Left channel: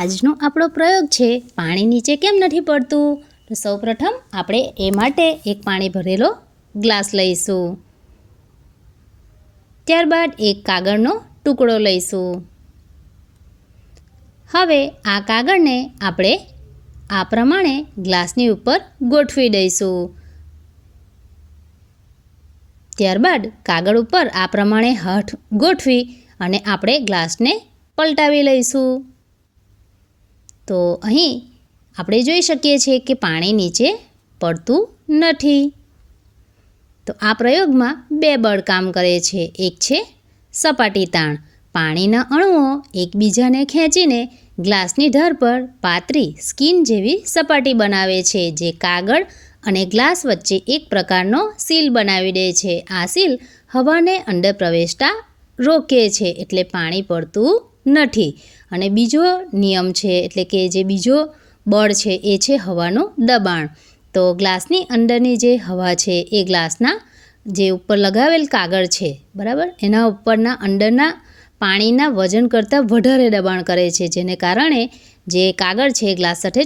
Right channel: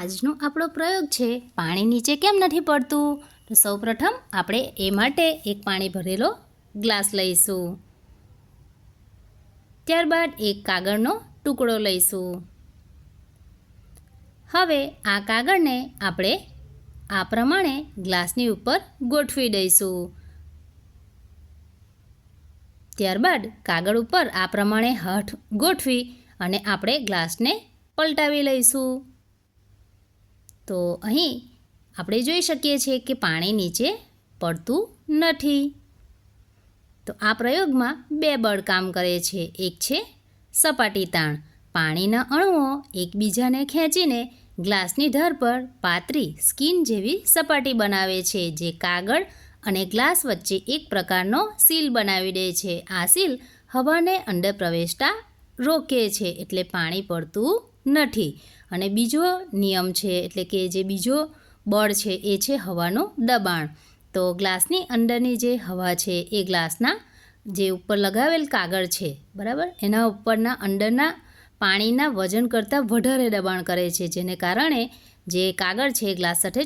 આજનો આપણો પ્રયોગ છે પાણી નીચે કેમ નથી પડતું. તો સૌપ્રથમ આપણે એ માટે એક પાણી ભરેલો ગ્લાસ લઈશું. ત્યારબાદ એક કાગળનો ટુકડો લઈશું. હવે આ કાગળને આપણે આ પ્રમાણે ગ્લાસની ઉપર ગોઠવી દઈશું. ત્યારબાદ કાગળ ઉપર આ પ્રમાણે હાથ ગોઠવી અને આપણે ગ્લાસને પલટાવી લઈશું. તો અહીં આપણે જોઈ શકીએ છીએ કે પાણી નીચે પડતું નથી. તો આ પ્રયોગમાં બે બળ કામ કરે છે. એક છે સપાટી તાણ. પાણીના અણુઓ એકબીજાને ખેંચીને ગ્લાસની ધાર પર પાતળી સ્કિન જેવી સપાટી બનાવે છે, જે કાગળ અને ગ્લાસ વચ્ચે એક પ્રકારનો સીલ બનાવી દે છે. આ સીલ હવાને અંદર પ્રવેશતા રોકે છે, એટલે પાણી પડતું નથી. અને બીજો નિયમ છે, એટલે કે જે બીજો બળ છે એ છે હવાનું દબાણ. તો ગ્લાસની અંદરની જે હવા છે એ ગ્લાસના જે ઉપર લગાવેલ કાગળ છે, બરાબર, એના ઉપરના અંદરના પાણીના વજન કરતાં વધારે દબાણ કરે છે, જેને કારણે જે કાગળ છે ગ્લાસ સાથે